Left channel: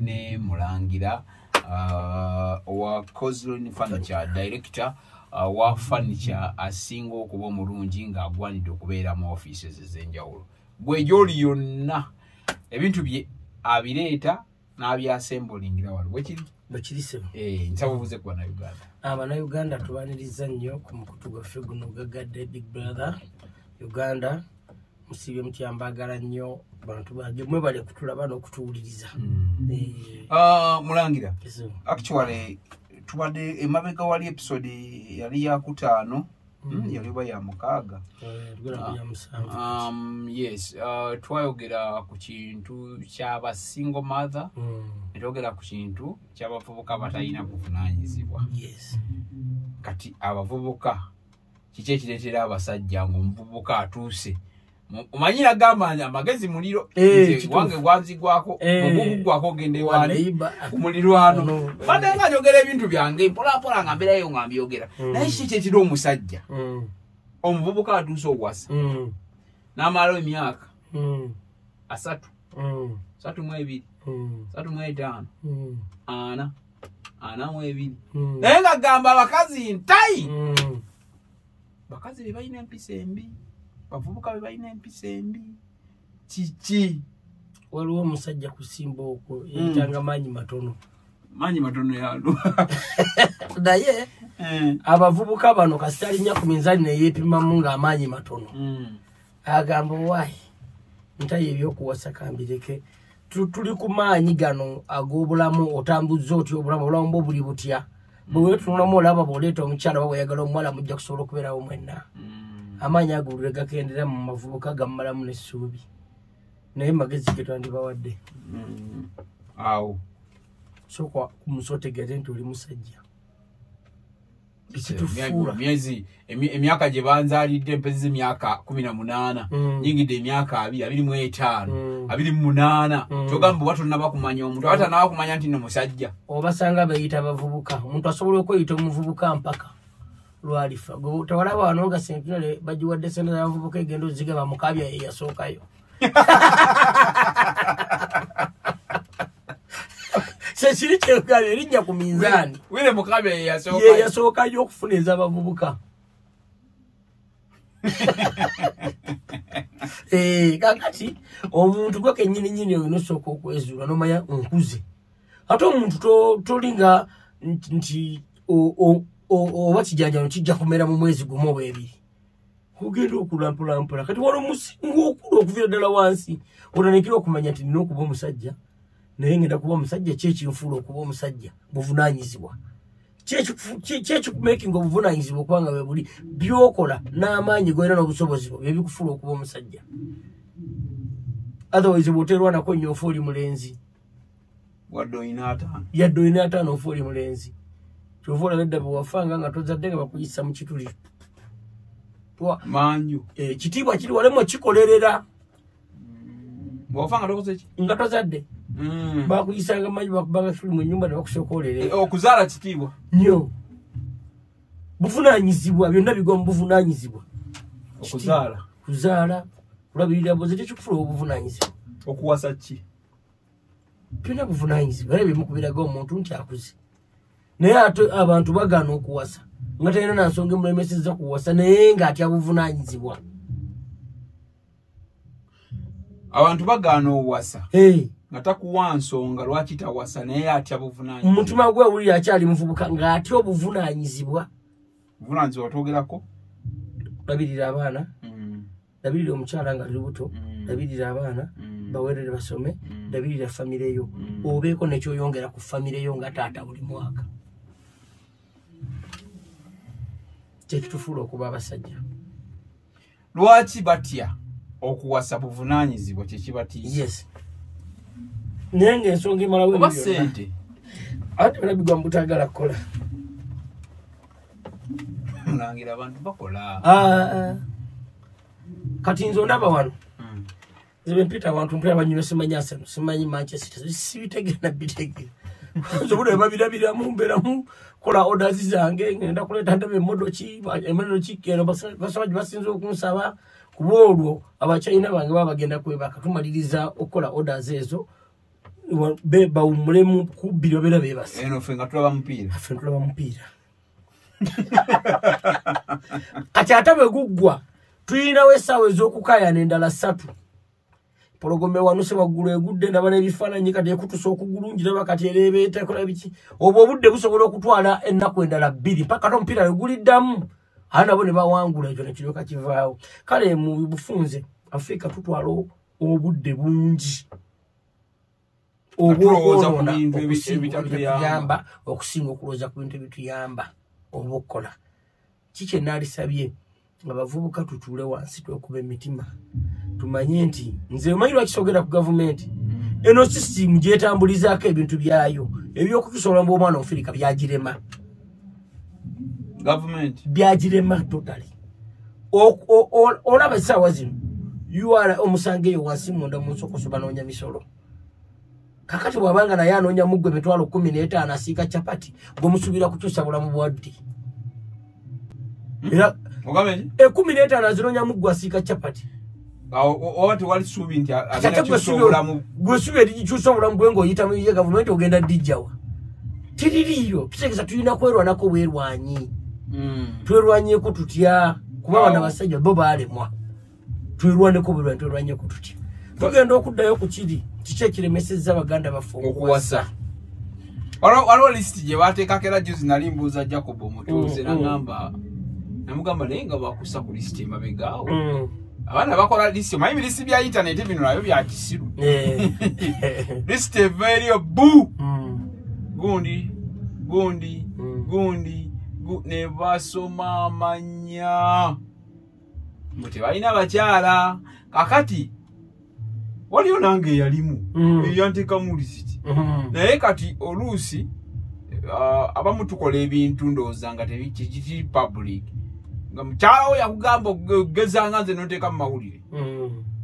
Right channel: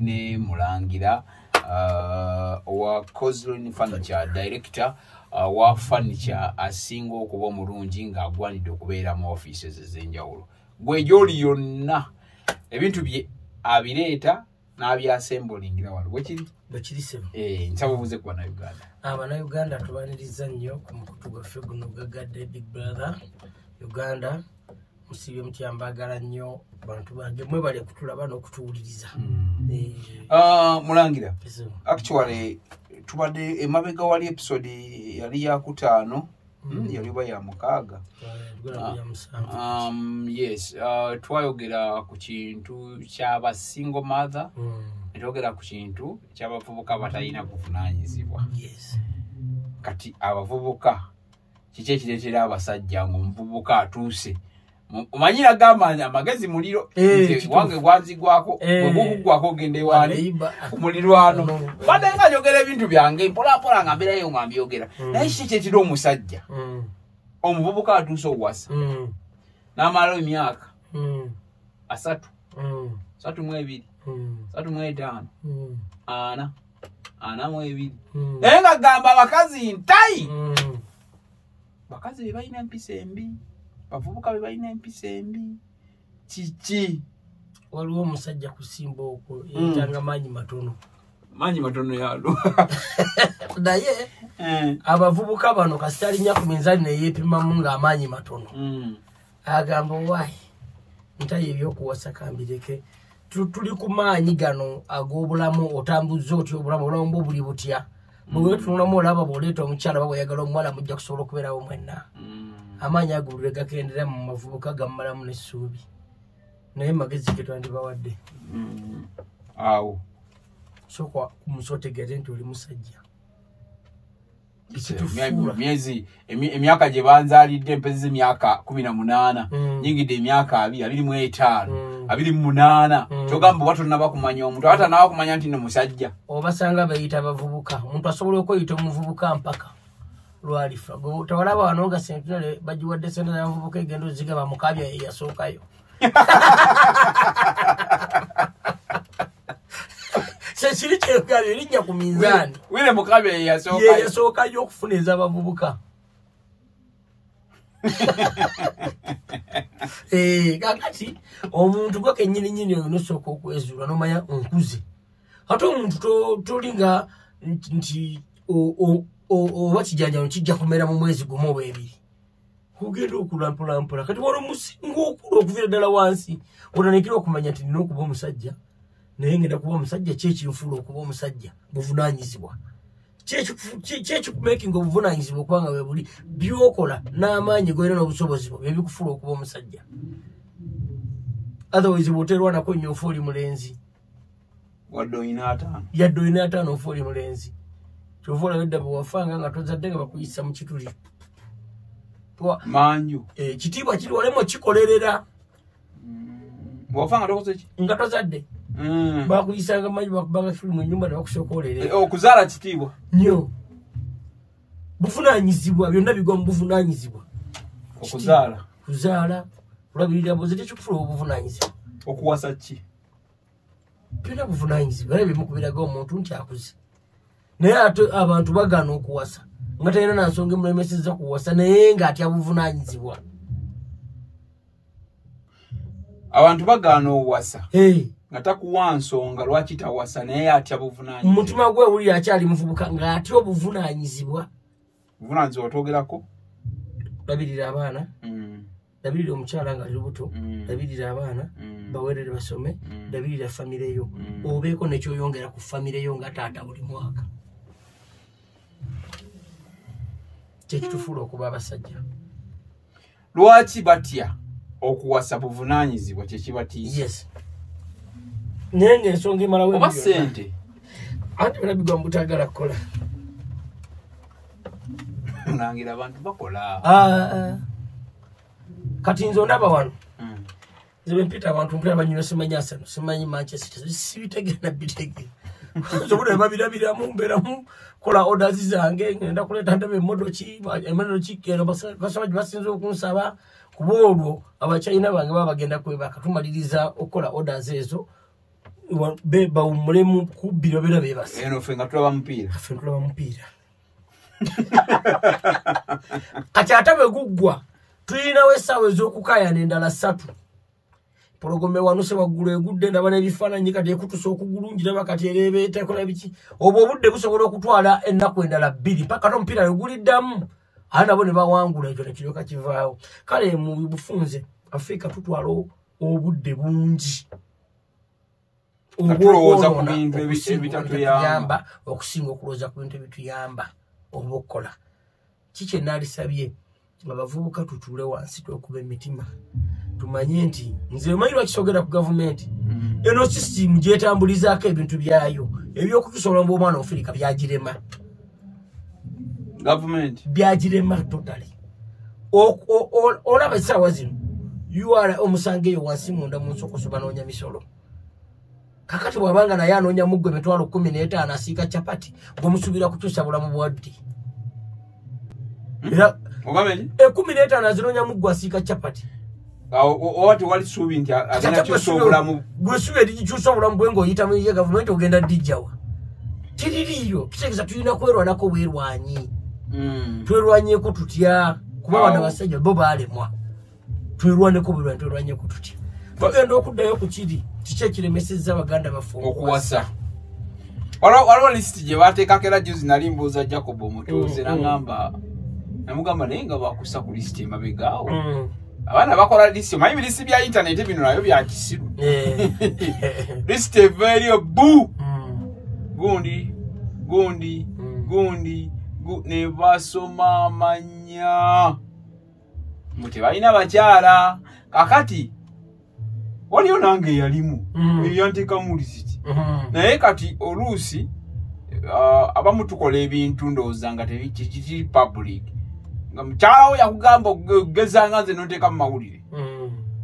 ndine Mulangira wa Kozlin Furniture director wa furniture asinga okuba omulungi nga agwanidde okubeera mu offices ez'enjawulo. Gwe gy'oli yonna ebintu bye abireeta n'abyasembolingira wano bwekiri sebo. Nsaba obuze ku Bannayuganda. Abannayuganda tubaniriza nnyo ku mukutu gwaffe guno gagadde Big Brother Uganda. Musibye mutyambagala nnyo bantu bange mwebale kutulaba n'okutuwuliriza. Mulangira, actually tubadde emabega wali episode yali ya 5 yali ba ya 6. Yes, twayogera ku kintu ky'aba single mother, netwogera ku kintu ky'abavubuka batalina kuvunaanyizibwa. Yes. Kati abavubuka kiki ekireetera abasajja ng'omuvubuka atuuse umanyira gama amagezi muliro wange gwanzigwako ogugwako gende wale kumulirwano bade nga njogera ebintu byange pola pola ngambira yo ngambyogera naye kiki ekiro omusajja omuvubuka atuuse owasa n'amalo emyaka 3 3 3 5 ana mwebiri naye nga gamba abakazi ntayi bakazi be balina empisa embi bavubuka be balina empisa embi kiki waliwo omusajja kusimba okwo yitanga manyi matono yalo naye abavubuka bano kasitali nya ku minzani neyeepimamu ng'amaanyi matono agamba wayi ntaye ebyokuwasa kambireke tuli ku maanyi gano ag'obulamu otambuza otya obulamu buli butya bwe tunulamu olaba bw'oleeta omukyala baba oyagala omuwala mujja kusobola okubeerawo mwenna amaanyi agulule gakendera mu mavubuka gammalamu n'essuubi naye magezi ge twandibawadde awo sooka kumusotegere nti oli musajja emyaka gye banzaalidde empezi z'emyaka 18 nyingidde emyaka 25 28 kyogamba watonna bakumanya omuntu abatana bakumanya nti no musajja obasanga bayita abavubuka omuntu asobola okweyita omuvubuka mpaka lwalifa tawalaba wano nga sentinale bagiwadde sente z'abavubuka egenda ozigaba mukabya ye yasookayo sekiri kyegala erinnya ku minzaani wile mukabya ye yasookayo okufuna ez'abavubuka. Kakati omuntu gwe kennyini oyo nosooka okwezuula nomanya onkuze ate omuntu tolinga nti oba kijanjalo kijja kumera mu mwezi gumu oba ebiri ogenda okulampulampola kati wali omusinga okula okuviira ddala wansi otandikira okumanya nti nina okuba omusajja naye ngenda kuba omusajja kyekinfuula okuba omusajja buvunaanyizibwa kyekikumakinga obuvunaanyizibwa okubanga bwe buli byokola n'amaanyi goyina n'obusobozi bwo byebikufuula okuba omusajja otherwise bw'oterwanako nnyo ofa oli mulenzi yadde oyina 5 ofa oli mulenzi kyova olaba edda bwe wafanga nga tozadde nga bakuyisa mu kituli manju kitiibwa kiri walemu okikolerera bw'wafanga tokoze ki nga tozadde bakuyisanga manju bakubanga firimu ennyumba nebakusookolerera okuzaala kitiibwa nnyo buvunaanyizibwa byonna bigwa mu buvunaanyizibwa kuzaala kulabirira boze tekikufuula obuvunaanyizibwa okuwasa ki byonna buvunaanyizibwa era bimukubiraga omuntu nti akuze naye ate abantu bagaana okuwasa nga talina na nsonga emulemesezza kuwasa naye ng'atya buvunaanyizibwa. Abantu bagaana owasa nga takuwa nsonga lwaki tawasa naye atya buvunaanyizibwa. Omutima gwe wuli akyali muvubuka ng'atya obuvunaanyizibwa. Buvunaanyizibwa twogerako labirira abaana labirira omukyala nga ali lubuto labirira abaana bawerere basome labirira famire yo obeeko nekyoyongera ku famire yo nga taata buli mwaka kyekitufuula okuba abasajja. Lwaki batya okuwasa buvunaanyizibwa kyekibatiisa? Yes. Naye ng'ensonga emalawo oba ssente ate balabigwa mbutagala kukola nangira abantu bakola kati nze ondaba wano nze mpita abantu mpita banyulo simanyi Manchester sibitegera bitegera sobude babirabiramu mberamu kola orders zange ngenda kuleta ndebe emodoki kero basabaji basinze okunsaba kubulwo abachina bange babagenda kwebaka tumaliriza okola orders ezo beba umulemu kubiro bera bebase eno fenga tulaba mpira kati atabe guggwa tulina wesawe zokukaya nendala 3 pologome wanuse wagulu egudde ndabale bifaananyi kati ekutusa okugulungira bakati erebeeta ekola biki obwo obudde busobola okutwala ennaku endala 2 paka tompira eguliddamu ana bone bawangula ekyo nekiryoka kivaawo kale mu bufunze Afrika tutwala obudde bungi okulowooza ku bintu ebitatuyamba okusinga okulowooza ku bintu ebituyamba obukola kike nalisabye abavubuka tutuule wansi twekuba emitima tumanye nti nze omanyi lwakisogera ku gavumenti eno system gyetambulizaako ebintu byayo ebyokutusobola mu omwana Afrika byagirema government byagirema totally olaba essaawa zino yuwala omusange eyo wansi munda mu nsokoso banoonya misolo kakati bwabanga naye anoonya muggwe emitwalo 15 asiika chapati gwemusuubira kukyusa bulamu bwadde era 15 azinoonya muggwe asiika chapati owati wali suubi nti agenda kyusa obulamu gwesuubi erigikyusa obulamu bwe ng'oyita mu ye gavumenti ogenda dijjawa tiririyo kitegeeza tulina kwerwanako bwerwanyi twerwanyeko tutya kuba bana basajja bo baalemwa twerwaneko bwerwanyi twerwanyeko tutya tugenda okuddayo ku kiri kikyekiremesezza abaganda baffe okuwasa waliwo lisiti gye baateekako era juzi nali mbuuza Jacob omutuuze namugamba naye nga bakussa ku lisiti emabegaawo abaana bakola lisiti omanyi bilisiti bya intaneti bino nabyo bya kisiru lisiti eva eriyo bu gundi ne basoma amanya mbu tebalina bakyala kakati waliyo nange eyalimu eyanteekamu lisiti naye kati oluusi abamu tukola ebintu ndowooza nga tekiri public nga mukyalawo yakugamba okugezanga nze noteeka mu mawulire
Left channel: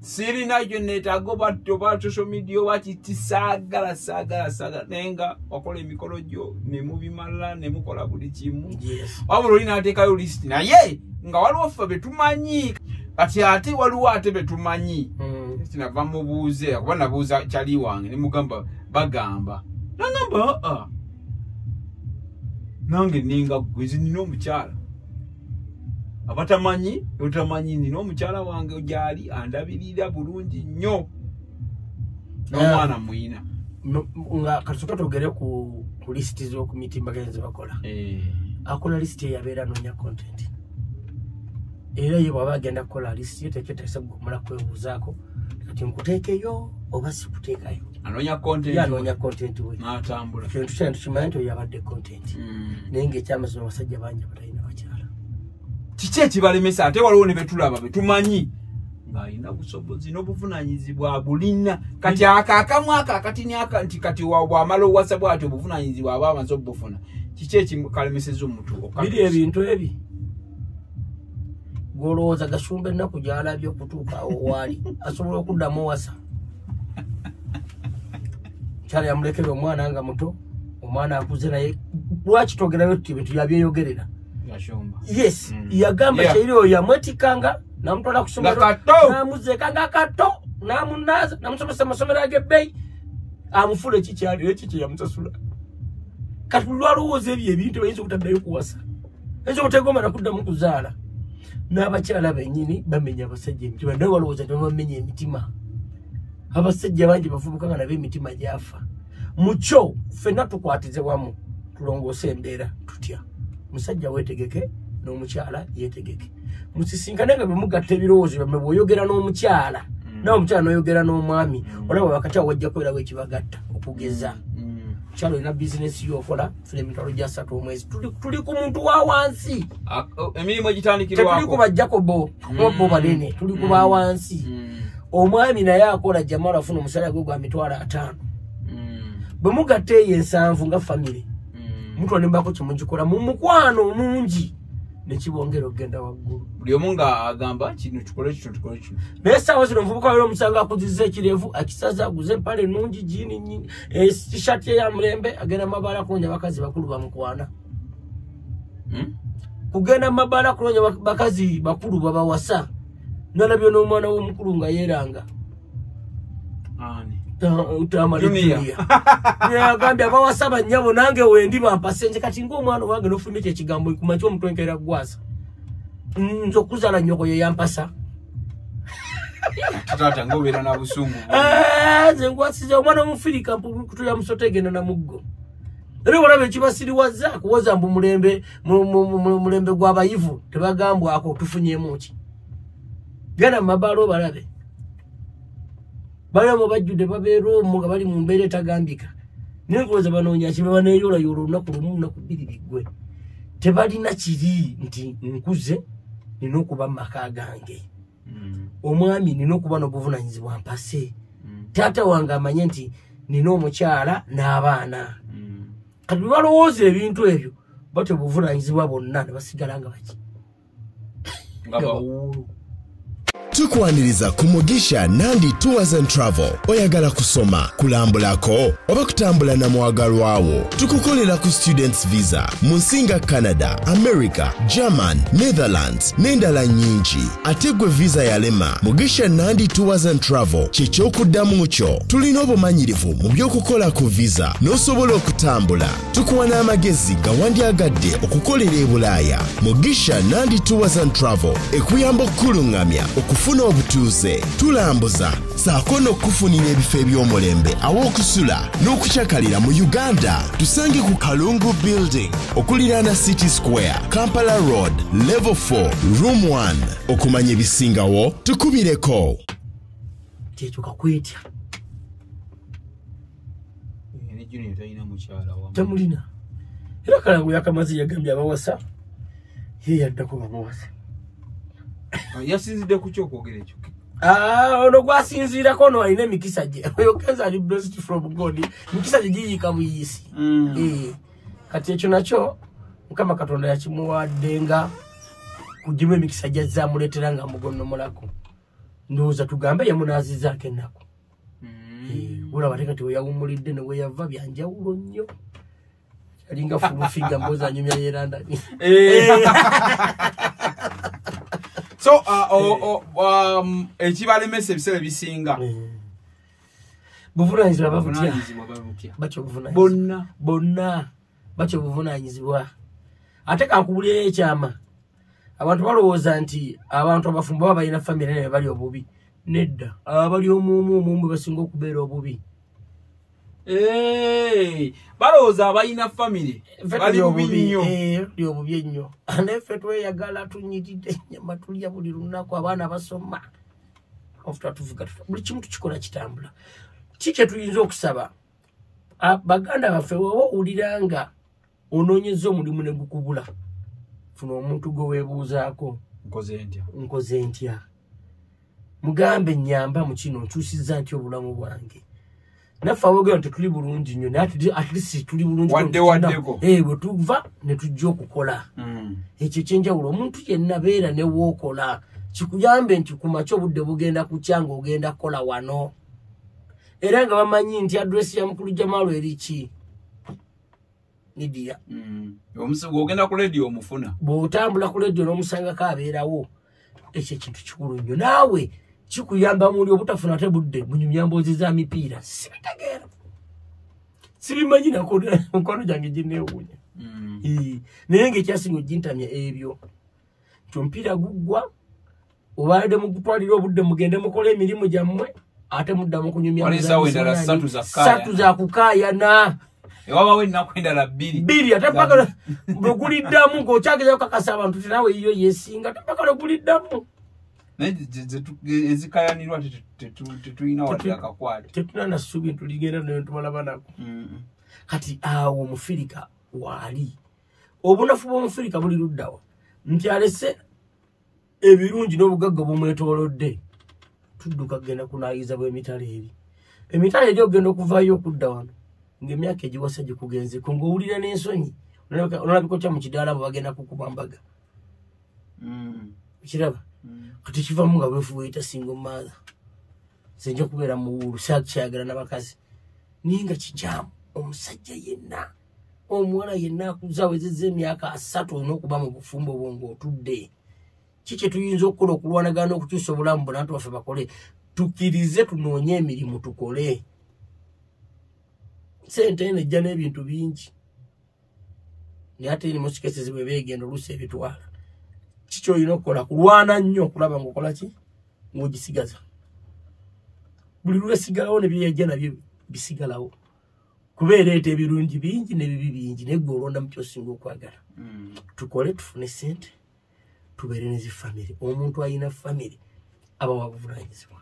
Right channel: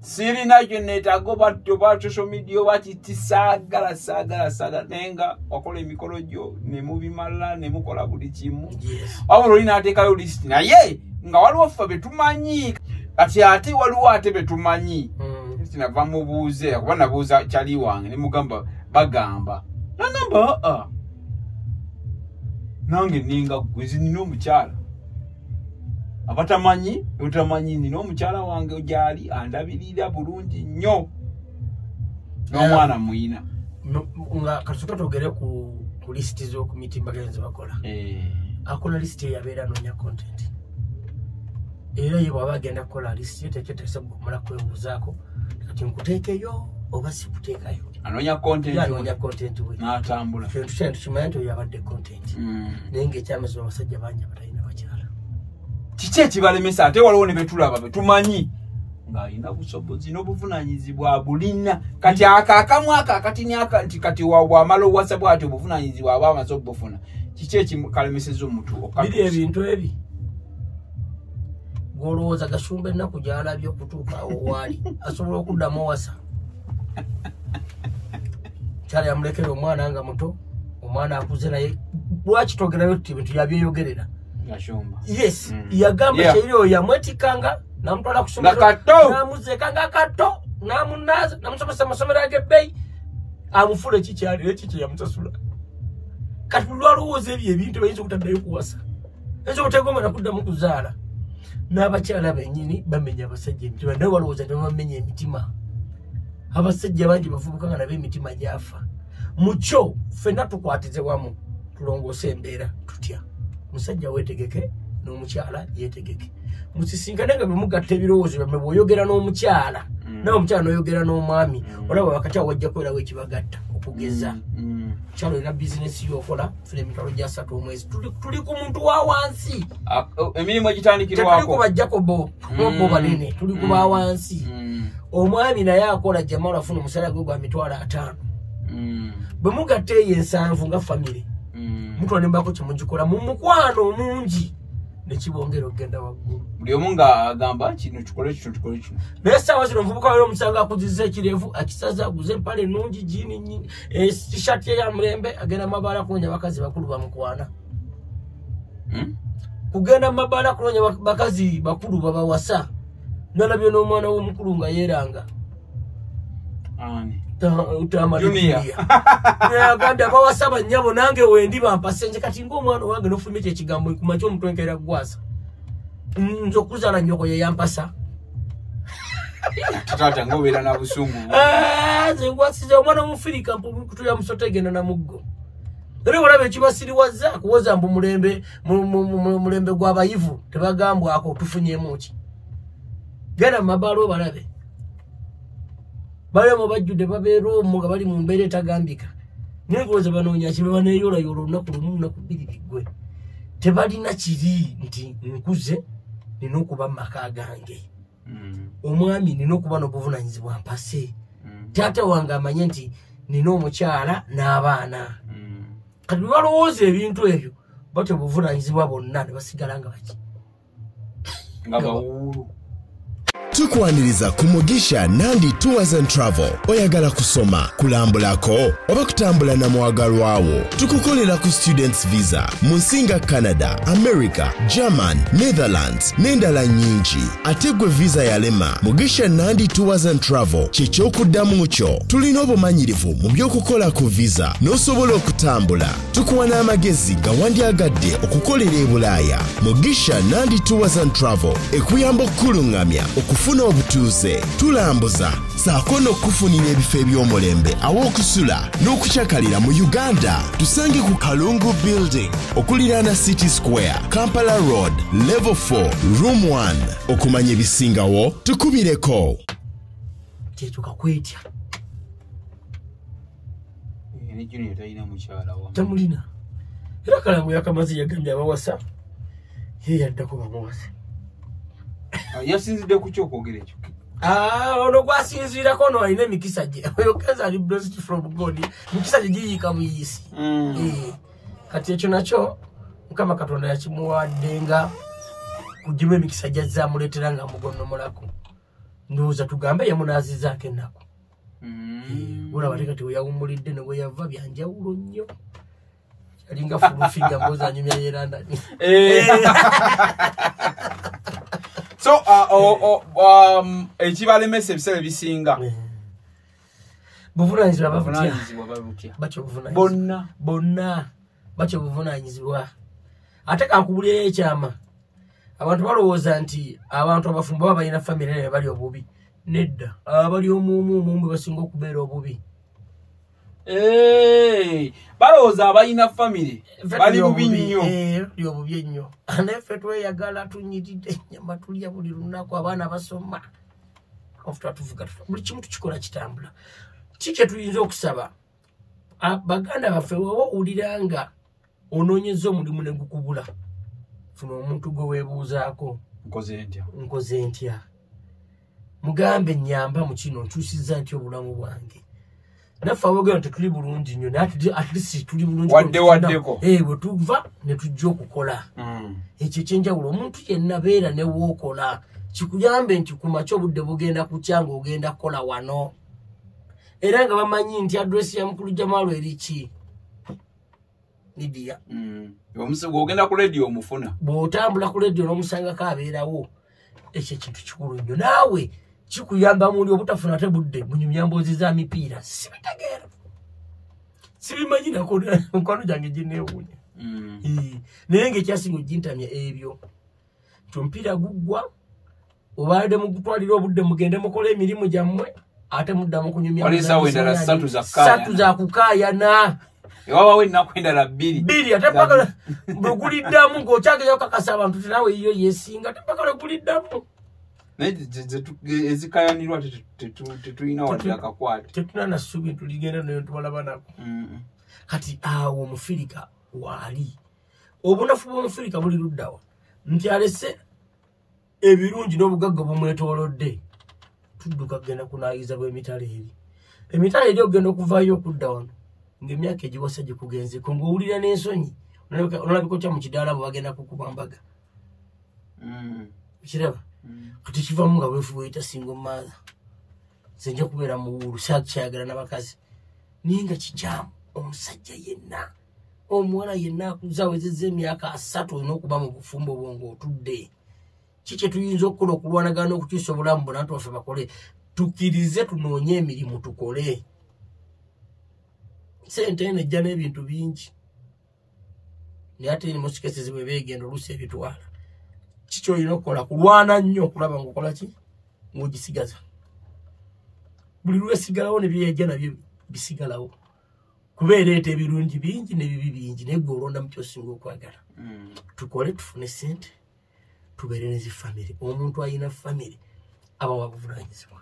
sirina kyo neetaaga oba social media oba kiti saagala naye nga wakola emikolo gyo ne mubimala ne mukola buli kimu wabula oli n'ateekayo lisiti naye nga waliwo ffe betumanyi kati ate waliwo ate betumanyi nava mubuuze kuba nabuuza kyali wange ne mugamba bagamba nangamba nange ninga gwezi nina omukyala abatamanyi utamanyi nina omukyala wange gyali andabirira bulungi nnyo n'omwana muyina nga katusoka togere ku lisiti z'okumitimbagano ze bakola akola lisiti eyabeera noonya content era ye bwaba agenda kukola lisiti tekyoteesa gumala kwebuuzaako kati nkuteekeyo oba sikuteekayo anoonya content we n'atambula kintu kyane tukimanyi nti oyo abadde content naye ng'ekyamazima abasajja bangi abatalina bakyala kiki ekibalemesa ate waliwo ne betulaba betumanyi ng'alina busobozi n'obuvunaanyizibwa bulina kati akaakamu akakatini nti kati bw'amala owasa bw'ati obuvunaanyizibwa aba amaze obufuna kiki ekikalemeseza omuntu biri ebintu ebi golowooza gasumba ennaku gy'alabye okutuuka waali asobola okuddamu owasa kyala yamulekera omwana nga muto omwana akuze naye lwaki togerayo tuti ebintu yabyeyogerera yes yagamba kyeri oyo yamwetikanga namutwala ku ssomero namuzeekanga kato namunaaza namusomesa amasomero ag'ebbeeyi amufula ekikyali eki kye yamusasula kati lwalowooza ebyo ebintu bayinza obutaddayo kuwasa ayinza obutegomba nakuddamu kuzaala n'abakyala bennyini bamenya abasajja emitima naye walowooza nebamenya emitima abasajja bangi bavubuka nga nabo emitima gyafa mukyo ffenna tukwatize wamu tulongoose embeera tutya musajja weetegeke n'omukyala yeetegeke musisinkane nga bemugatta ebirowoozo byammwe bw'oyogera n'omukyala nawe omukyala n'oyogera n'omwami olaba wakati awo wajja kwerawo ekibagatta okugeza kyalo ina bizinesi yokola funa emitwalo gya 3 omwezi tuli ku muntu wa wansi emirimu egitandikirwako tuli ku bajakobo bo banene tuli ku ba wansi omwami naye akola jamala afuna omushahara gwe gwa mitwalo 5 bwe mugatta eyo 7 nga famire mutwa nembako kimugikola mu mukwano mungi nekibongera okugenda waggulu buli omu nga agamba kino tukole kino naye essaawa zino omuvubuka wali omusanga akuzizza ekirevu akisaza aguze empale ennungi jiini tishati eya mulembe agenda mabaala kunoonya bakazi bakulu bamukwana kugenda mabaala kunoonya bakazi bakulu babawasa nalabyo n'omwana w'omukulu nga yeeranga Agambye abawasaba nnyabo nange wendi bampase nze kati ng'omwana wange n'ofulumya ekigambo kumaky omutwenkera gwasa nze okuzaala nnyoko ye yampasa tata ngobeera na busungu nze gwasize omwana omufirika kutuya musota egenda na muggo era olaba ekibasiriwaza kuwoza mbu mulembe gw'abayivu tebagambwako tufunyemu ki genda mu mabaalo balabe balimu bajjudde babeera omwo nga bali mu mbeera etagambika naye kuloza banoonya kibe baneeyolayola olunaku lumu lunaku bbiri biggwe tebalina kiri nti nkuze nina okuba mu maka gange omwami nina okuba n'obuvunanyizibwa mpase taata wange amanye nti nina omukyala n'abaana kati balowooza ebintu ebyo batyo obuvunanyizibwa bonna ne basigala nga baki nga bawuulu. Tukwaniriza ku Mugisha Nandi Tours and Travel. Oyagala kusoma, kulambulako, oba kutambula na mwagalwawo. Tukukolera ku students visa. Munsinga Canada, America, German, Netherlands, n'endala nyingi. Ate gwe visa yalema, Mugisha Nandi Tours and Travel ky'ekyokuddamu kyo. Tulina obumanyirivu mu by'okukola ku visa n'osobola okutambula. Tukuwa n'amagezi gawandyagadde okukolera e Bulaaya. Mugisha Nandi Tours and Travel ekuyamba okkulungamya okufuna obutuuze, tulambuza saako n'okufunira ebifo eby'omulembe aw'okusula n'okukyakalira mu Uganda. Tusange ku Kalungu Building okuliraana City Square, Kampala Road, Level 4, Room 1. Okumanya ebisingawo tukubireko. Kyekyo kakwetya Junior talina mukyala wamu. Tamulina. Era Kalangu yakamazi yagambye abawasa ye yaddako bamuwasa. Yasinzidde ku kyokwogera ekyo. Ono gwasinziirako ono alina emikisa gye. Oyogeza ali blessed from God. Mikisa gye giyiika buyisi. Kati ekyo nakyo Mukama Katonda yakimuwadde nga kugimu emikisa gy'azza amuleetera nga amugonnomolako. Ndowooza tugambe yamunaazizaako ennaku. Olaba kati we yawummulidde ne we yava byanjawulo nnyo. Alinga fulufiga mboza anyumya yerandani. So ekibalemesa ebisere bisinga buvunanyizibwa batyo bonna batyo buvunanyizibwa. Ate kankubulira ekyama abantu balowooza nti abantu abafumbo baba balina famire naye bali obubi. Nedda abali omumu basinga okubeera obubi. Balowooza abalina famire bali bubi nnyo. Bali obubi ennyo. Neffe tweyagala tunyiride ennyama tulya buli lunaku abaana basoma. Tuvuga buli kimu tukikola kitambula. Kiki tuyinza okusaba baganda baffe woba owulira nga onoonyeza omulimu ne gukubula funa omuntu gwe weebuuzaako nkoze ntya mugambe nnyamba mu kino nkyusizza ntya obulamu bwange. Naffe abogera nti tuli bulungi nnyo naye at least tuli bulungi waddeko bwe tuva ne tujja okukola. Ekyo ekyenjawulo omuntu yenna beera ne wookola kikuyambe nti ku makya obudde bugenda kukya ng'ogenda kukola wano era nga bamanyi nti adresi ya mukulu Jamaalo eri ki Lydia. Ogenda ku radio omufuna. Bw'otambula ku radio n'omusangako abeerawo. Ekyo ekintu kikulu nnyo. Naawe kikuyamba muli obutafuna ate budde munyumya mboozi za mipiira. Sibitegeera. Sibimanyi nako nkwano gyange gineewuunya. Naye ng'ekyasinga ogintamya ebyo. Omupiira guggwa obadde mugutwalira obudde mugende mukole emirimu gyammwe ate muddamu kunyumya ssatu za kukaayana. Ewabawo ennaku endala bbiri ate paka bwe guliddamu ng'okyagezayo kakasa abantu tenawe yiyo yeesinga ate paka lwe guliddamu. Naye ezikayanirwa tetulina wadde akakwate. Tetulina na ssuubi tuligenda naye tubalaba nako. Kati awo Omufirika waali. Obunafu bw'Omufirika buli luddawa. Nti alese ebirungi n'obugagga bumwetoolodde. Tudduka kugenda kunaayiza bw'emitala eri. Emitala eri okugenda okuvaayo okudda wano. Ng'emyaka egiwasa gikugenzeko ng'owulira n'ensonyi. Olabika kya mu kidaala bwe bagenda kukuba mbaga. Kiraba? Kati kivamu nga weefu weyita single mother. Senja kubeera muwulu kyayagala n'abakazi. Naye nga kikyamu omusajja yenna omuwala yenna akuza awezezza emyaka 3 olina okuba mu bufumbo obwo ng'otudde. Kiki tuyinza okukola okulwanagana okukyusa obulamu bonna nti waffe bakole tukkirize tunoonye emirimu tukole. sente nejja n'ebintu bingi naye ate eri musikesi zibe beegenda oluusi ebitwala kiki olina okukola kulwana nnyo okulaba ngaokola ki ng'ogisigaza buli lwesigalawo ne byejja nabyo bisigalawo kuba ereeta ebirungi bingi n'ebibi bingi naye gwe olonda mu kyosinga okwagala tukole tufune sente tubeere nezifamire omuntu alina famire aba wabuvunanyizibwa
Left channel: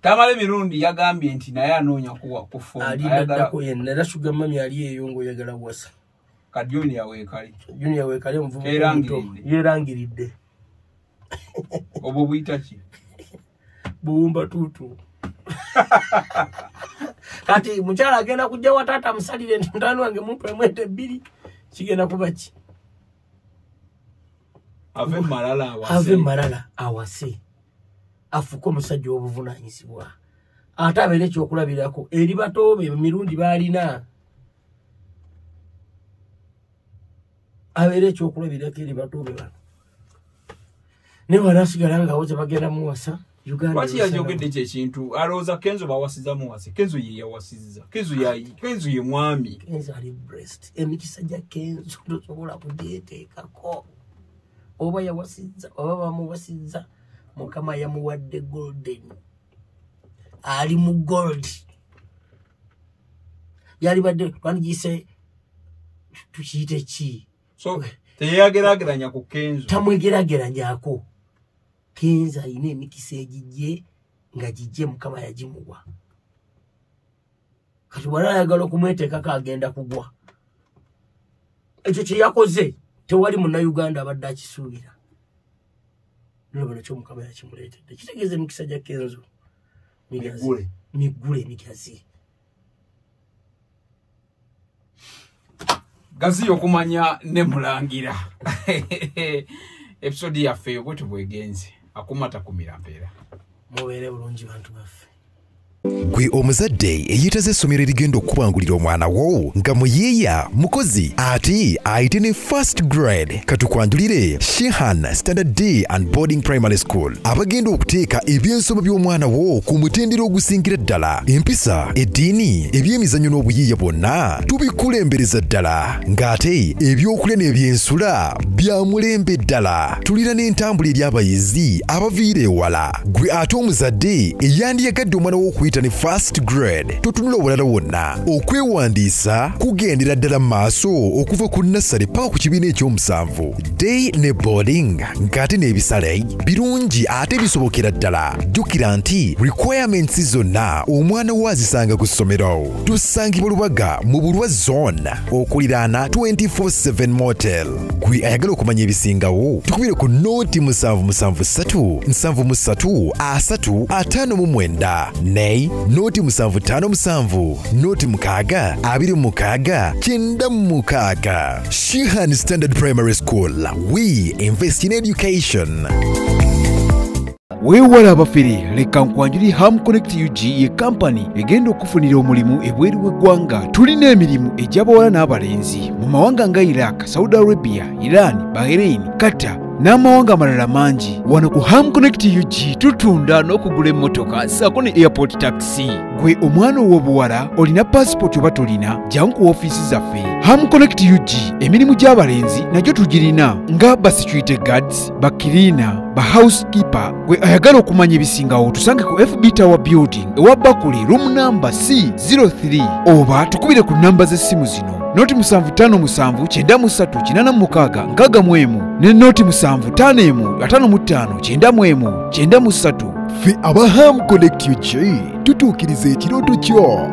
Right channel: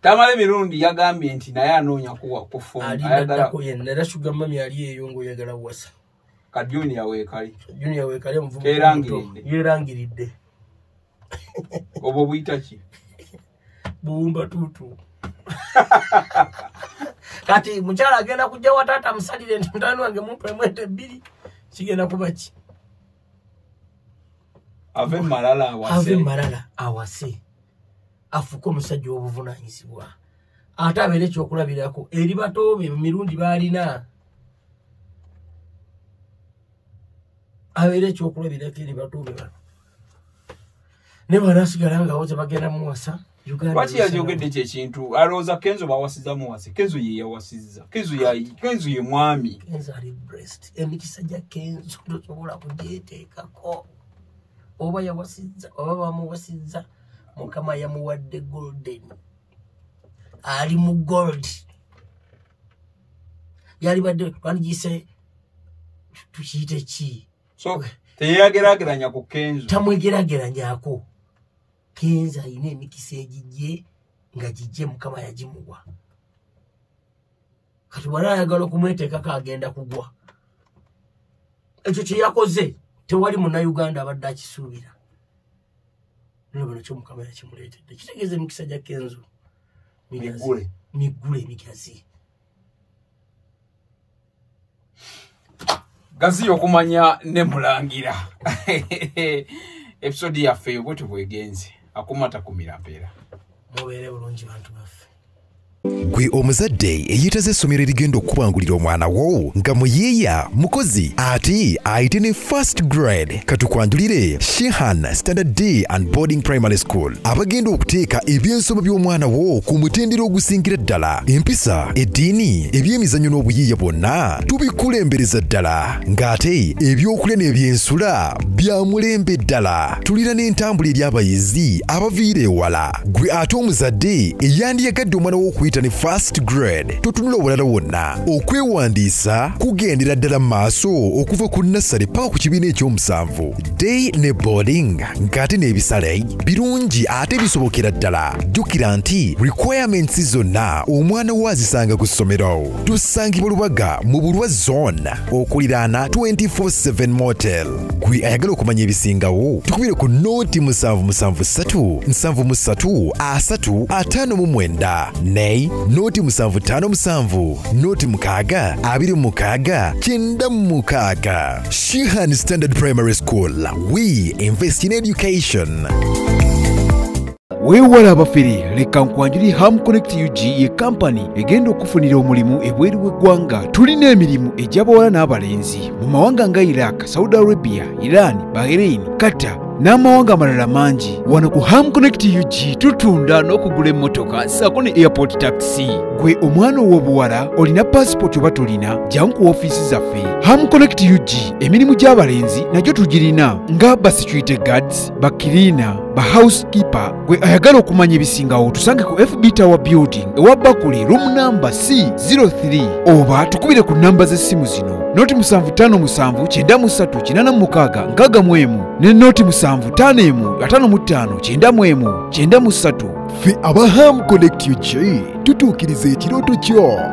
Tamale mirundi yagambye nti naye anoonya kufa ayagala yenna era Sugar Mami ali eyo ng'oyagala wasa ka Junior weekali omuvubuka yeerangiridde obwo buyita ki buwumba tuutu kati mukyala agenda kujja wa taata musalire nti mutani wange mumpe mwete 2 kigenda kuba ki ave malala awase afuko omusajja w'obuvunanyizibwa ate abeera ekyokulabirako eri batoobe mirundi baalina abeera ekyokulabirako eri batoobe bano ne banasigala nga woze bagenda muwasa lwaki yajogedde kyekintu alowooza Kenzo bawasiza muwase Kenzo ye yawasizza Kenzo ye mwami Kenzo ali breast emikisa gya Kenzo tosobola kugyeteekako oba yawasizza oba bamuwasizza Mukama yamuwadde golden ali mu gold yali badde twandiyise tukiyite ki so teyagerageranya ku Kenzo tamwegerageranyako Kenzo ayina emikisa egijje nga gijje Mukama yagimuwa kati bw'ala ayagala okumweteekako agenda kugwa ekyo kye yakoze tewali munnayuganda abadde akisuubira nabona kyo Mukama yakimuleetedde kitegeeza emikisa gya Kenzo migule emigazi gazi okumanya ne mulangira episode yaffe bwe tubwegenze akumata kumira mpeera mubeere bulungi bantu baffe Gwe omuzadde eyitaze essomero erigenda okubangulira omwana wo nga muyiiya mukozi ati ayite ne first grade katukwanjulire Shehan Standard Day and Boarding Primary School abagenda okuteeka ebyensoma by'omwana wo ku mutendera ogusingira ddala empisa eddiini ebyemizannyo n'obuyiiya bwonna tubikulembereza ddala ng'ate ebyokulya n'ebyensula bya mulembe ddala tulina n'entambula eri abayizi abaviira ewala gwe ate omuzadde eyandiyagadde omwana wo okuyita ne first grade totunula obulala wonna okwewandiisa kugendera ddala maaso okuva ku nursery paka ku kibiina ekyomusanvu day ne boarding ng'ate n'ebisale birungi ate bisobokera ddala jjukira nti requirements zonna omwana wo azisanga ku ssomero tusangibwa Lubaga mu Bulwa zone okuliraana 24/7 motel gwe ayagala okumanya ebisingawo tukubire ku noti 773 73 359 ne noti 757 noti 626 96 Shehan Standard Primary School. We invest in education. Weewala abafere leka nkwanjuli Ham Connect UG ye company egenda okufunira omulimu ebweru w'eggwanga. Tulina emirimu egy'abawala n'abalenzi mu mawanga nga Iraq, Saudi Arabia, Iran, Bahrain, Qatar n'amawanga amalala mangi. Wano ku Ham Connect UG tutunda n'okugula emmotoka ssaako ne airport taxi. Gwe omwana ow'obuwala olina passport oba tolina jangu ku ofiisi zaffe. Ham Connect UG emirimu gy'abalenzi nagyo tugirina nga ba security guards, ba cleaner, ba housekeeper. Gwe ayagala okumanya ebisingawo tusange ku FB Tower Building ewa Bakuli room number C03 oba tukubire ku namba z'essimu zino noti 757 93 86 61 ne noti 751 55 91 93. Fe aba Ham Connect UG tutuukiriza ekirooto kyo.